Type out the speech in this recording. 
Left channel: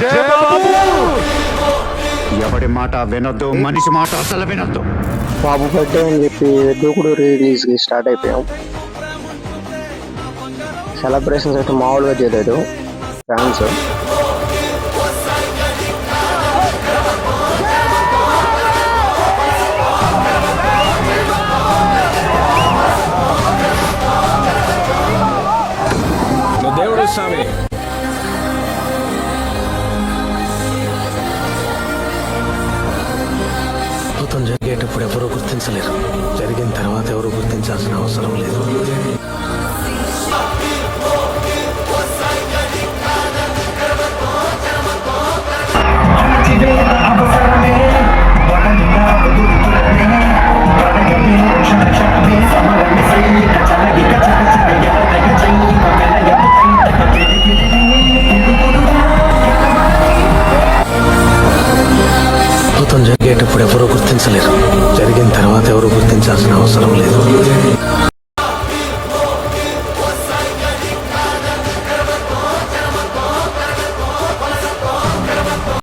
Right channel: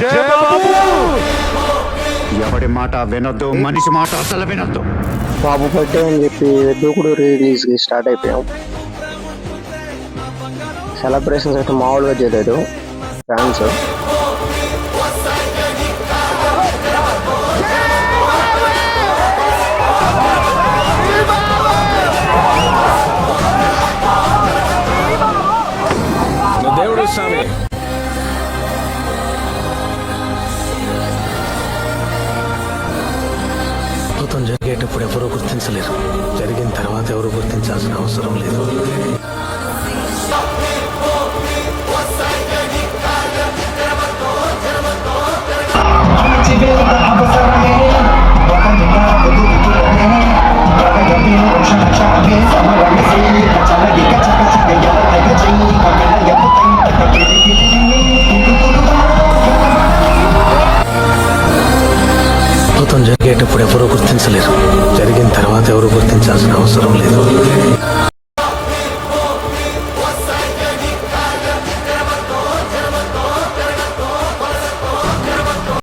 జయబాబు! ఎవడి మాట వినొద్దు, మనిషి మాట అసలు వినొద్దు. బాబు బర్త్డే అని చెప్పి దూకుడు రిలీజ్కి స్టార్ట్ అయిపోయాం. సెలబ్రేషన్స్ అయితే మామూలుగా చేయలేదు ఫ్యాన్స్. దేవుడు స్వామి. అద్భుతం జరిగేటప్పుడు ఎవరూ గుర్తించలేరు, జరిగిన తర్వాత ఎవరు గుర్తించాల్సిన అవసరం లేదు. అద్భుతం జరిగేటప్పుడు ఎవరూ గుర్తించలేరు, జరిగిన తర్వాత ఎవరు గుర్తించాల్సిన అవసరం లేదు.